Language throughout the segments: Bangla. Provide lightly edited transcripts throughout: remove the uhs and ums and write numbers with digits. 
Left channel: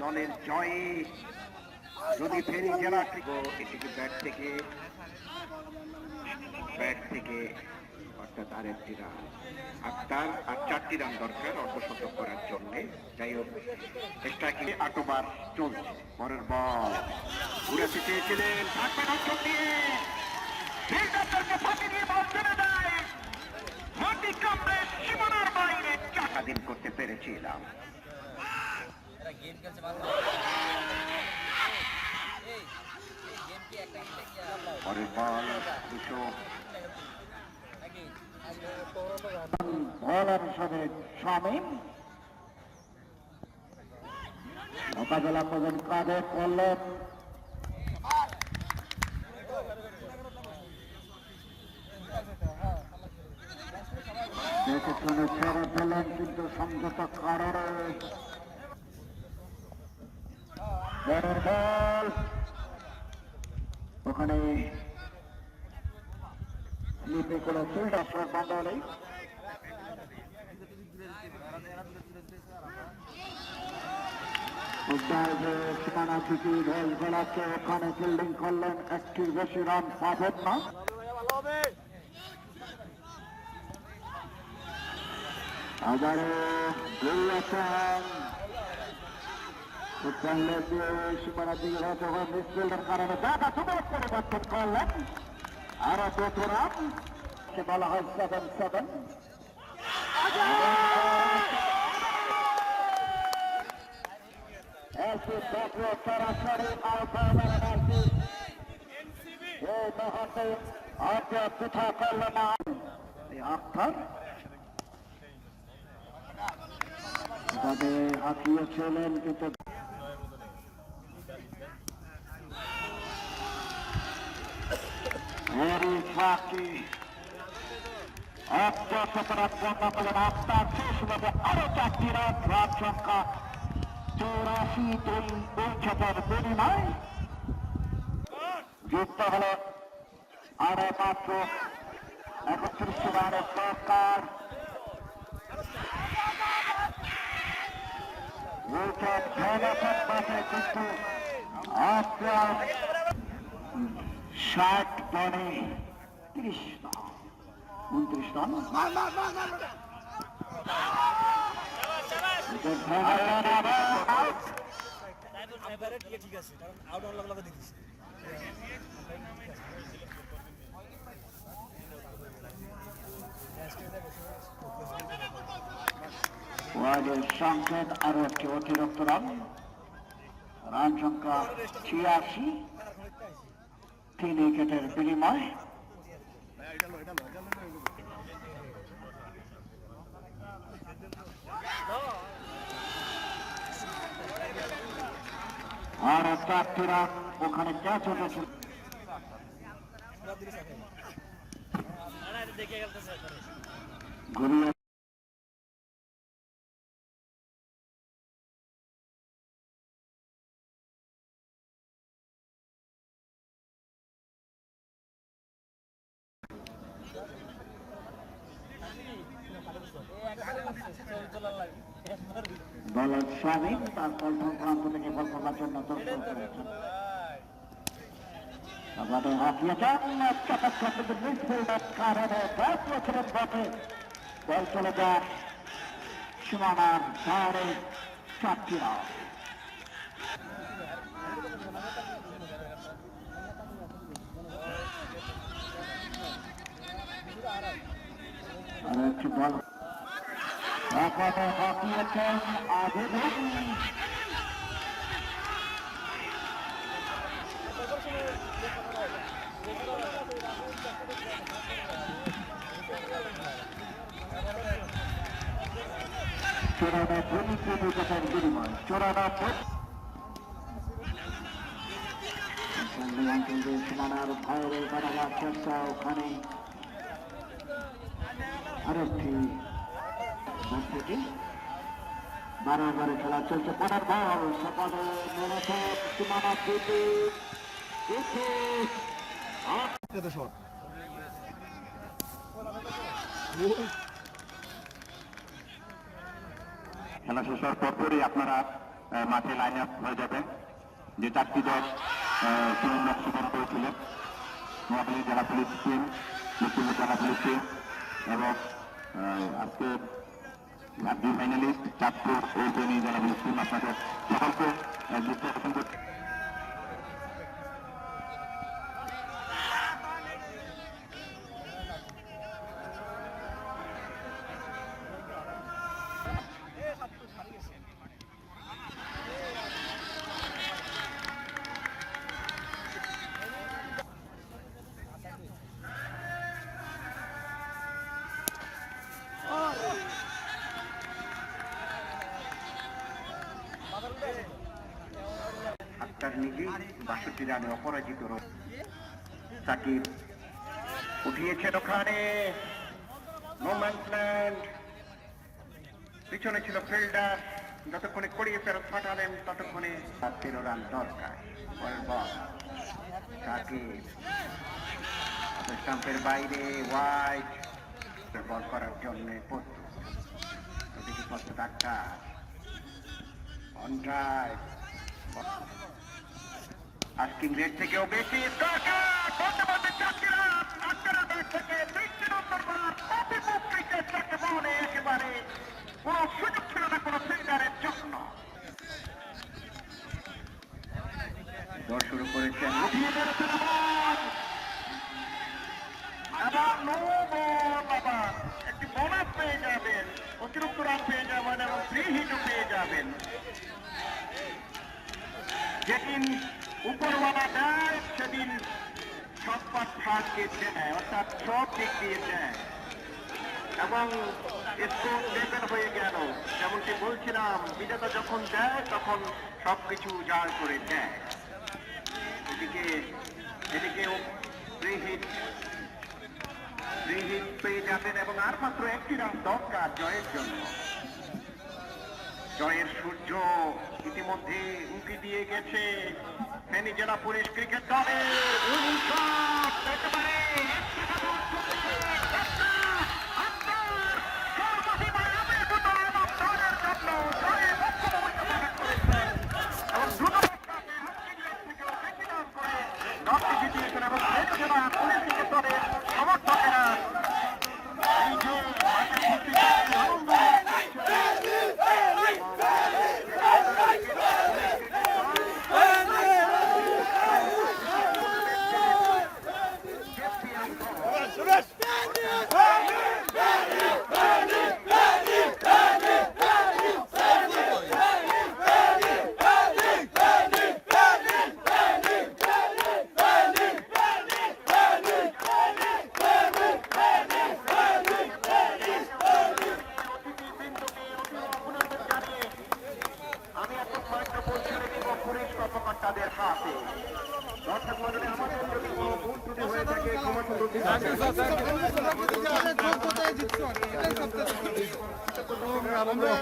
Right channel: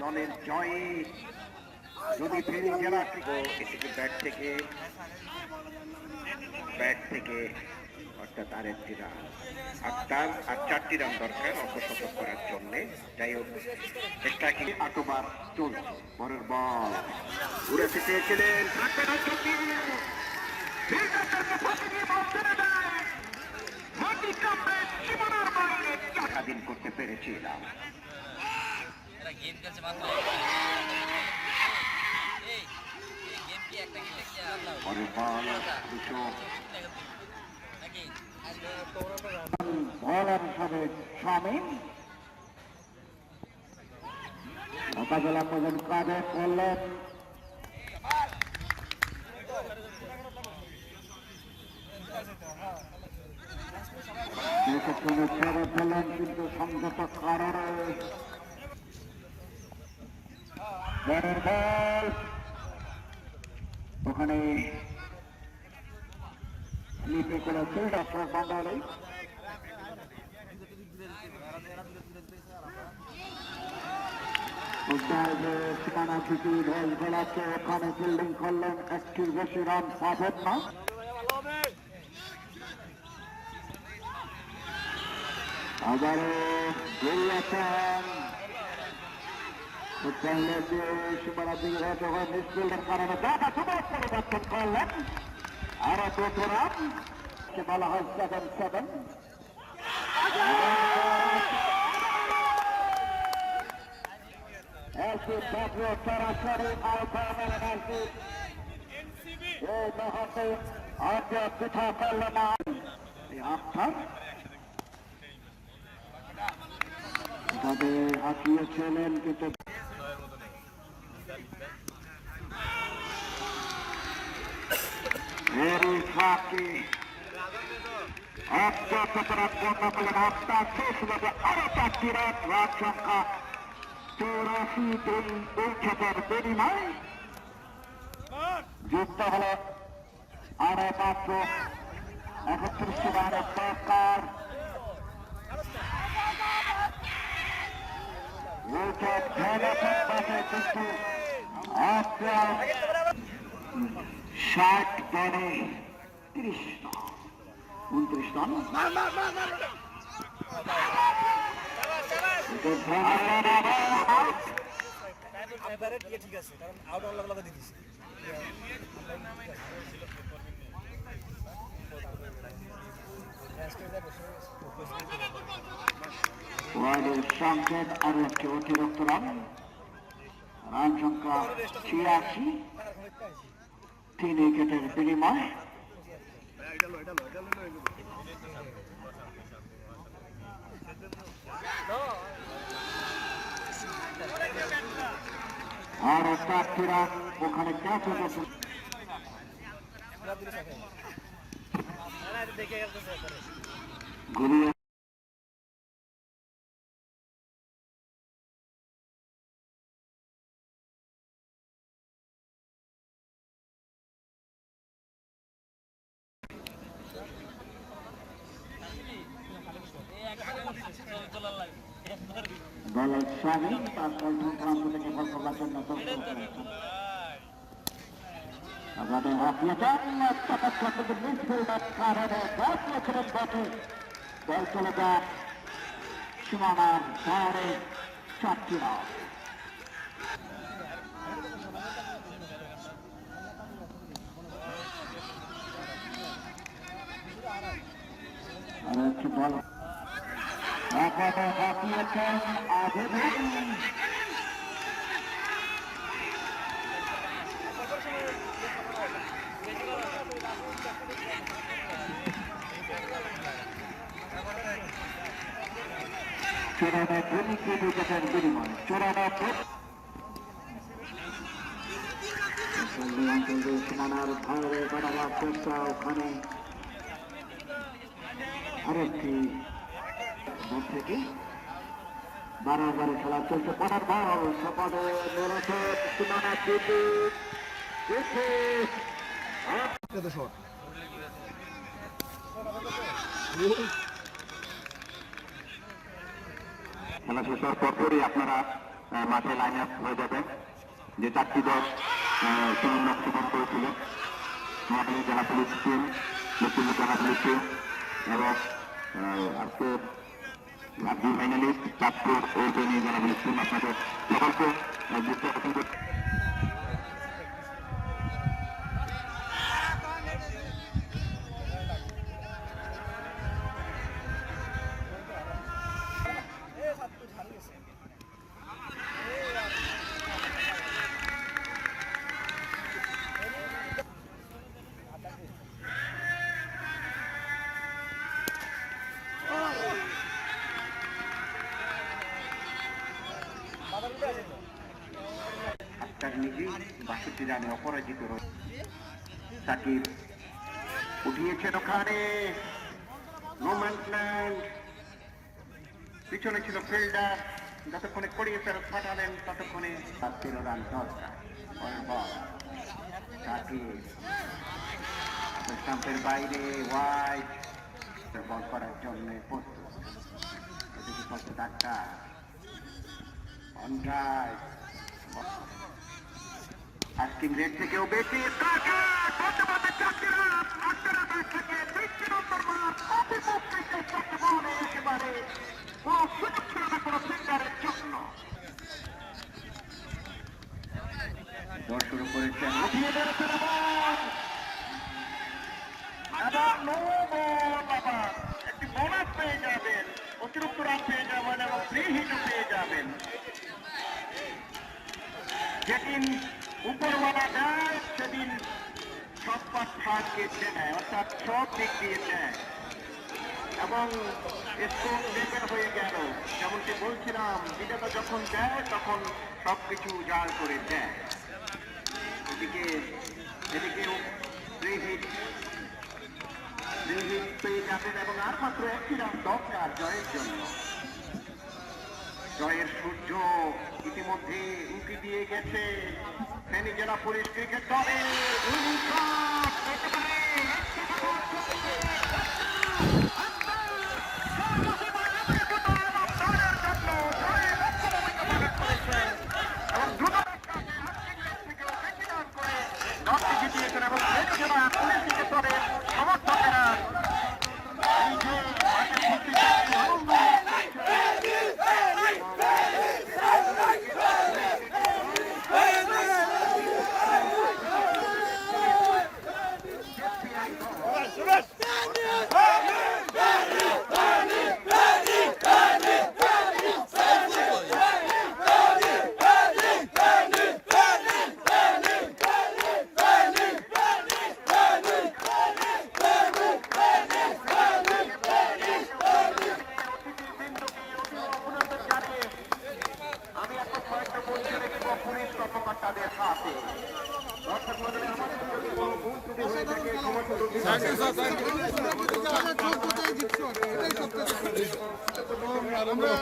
দলের জয়ে যদি ফেরি জেলা এটিকে ব্যাট থেকে অর্থাৎ আরেকটি রান আর 4টি রান দরকার অর্ধশতক করার জন্য। যাই হোক স্ট্রাইকিং 8 ওভার চলছে। পরের বল ঘুরেতে চেয়েছিলেন স্বাধীন করতে পেরেছিলাম। পরের বল বলার হিসাবে শামীম মোকাবেলা করবেন কাঁধে করলেন দেখে শুনে ছেড়ে ফেলেন, কিন্তু সংযত কারণে বড় বল ওখানে স্লিপে কোনো ফিল্ড আসার বন্ধ নেই। সীমানা থেকে ঢোল গোলাচ্ছে, ওখানে ফিল্ডিং করলেন, একটির বেশি রান পাবেন না। আবারও গোল আছেন সীমানা দিকে যখন মিসফিল্ডের কারণে দাদা সুযোগ পরিবর্তন করলেন, আরো 2 রান বলা হয় 7-7। সরাসরি এই মুহূর্তে পিঠা করল না আখতার, তাদের হাঁকিয়েছিলেন কিন্তু আপনার শেষ হবে আরো 4টি রান। রান সংখ্যা 84 উইকেটের বিনিময় যুক্ত হল আরো মাত্র 31 রানের দরকার। উইকেট ভেঙেছেন মাঠে, কিন্তু আপনার 60 বলে 30 রান 29 রান। সংকেত আরো একটি অতিরিক্ত রান। রান সংখ্যা 86, 3 উইকেটের বিনিময়। আর 4টি রান ওখানে ক্যাচ হয়েছে। ঘুরিয়ে বলার স্বামী তার পল্টন প্রান্ত থেকে বল করার জন্য দর্শক করেছেন। আমাদের হাফিয়েছেন মিসফিল্ডের কারণে বছরের বটে বল চলে যায় সীমানার ধারে। 4টি রান। আর একটি বল এখনো হাঁকিয়েছেন আগে চূড়ানো 2 উইকেটের বিনিময়। 94 অঞ্চল সীমানার বাইরে বাড়াবার চেষ্টা, ওখানে আরেকটি থেকে 12 ওভারে খেলা চলছে। পরের বল সপাদে মেরেছে সীমানা দিতে খেলা শেষ হওয়ার পরপরই আপনারা মাঠে লাইন আপ হয়ে যাবেন। যে 4টি দল সুনাম অংশগ্রহণ করেছিলেন, নোয়াখালী জেলা পুলিশ টিম, লক্ষ্মীপুর জেলা পুলিশ টিম এবং আজকে ফাইনালিস্ট চাঁদপুর ও ফেনী জেলা পুলিশ টিম, আপনাদের সকলকে যুক্ত করতে আক্তার নিজেই 62 রানে অপরাজিত রয়েছে। সাকিব উঠিয়েছেন ওখানে, মোমেন্টল্যান্ড পিছনে ছিল ফিল্ডার, যতক্ষণে করিয়ে ফেরত পাঠালেন ততক্ষণে 13 রান দরকার। পরের বল সাকিব স্টাম্পের বাইরে, ওয়াইড বল করার জন্য প্রস্তুত। ওদিকে প্রস্তুত Akhtar on drive, asking rate থেকেও বেশি একেবারে কোন সুযোগ ছিল না কোন ফিল্ডারের জন্য। দৌড় শুরু করেছেন, একটি বোনাস পেয়ে যাবেন, অতিরিক্ত রান পেয়ে যাবেন এবং ফ্রি হিটও পেয়ে যাবেন। যেদিন উপরওয়ালা দেয় সেদিন সব পাঠকে দেয়, অর্থাৎ সব দিক দিয়ে দেয় এবং স্কোর লেভেল হয়ে গেল। যেমনটি বলছিলাম, বিজেতা যখন দেয় তখন সবকিছু উজাড় করে দেয়। এদিকেও ফ্রি হিট পেয়ে যাবেন এবং আর মাত্র 1টি রান দরকার জয়ের জন্য। জয়ের সূর্য ইতিমধ্যে উঁকি দিয়ে গেছে ফেনী জেলা পুলিশ ক্রিকেট দলে। জিতিয়েছেন এবং ফেনী জেলা পুলিশ ক্রিকেট দলের সমর্থকেরা আমরা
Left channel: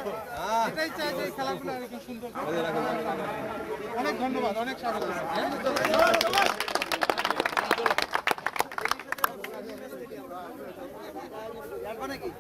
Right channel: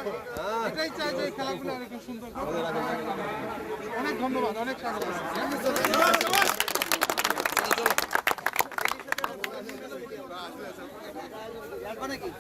এটাই চাই যে খেলাগুলো এরকম সুন্দর। অনেক ধন্যবাদ, অনেক স্বাগত। নাকি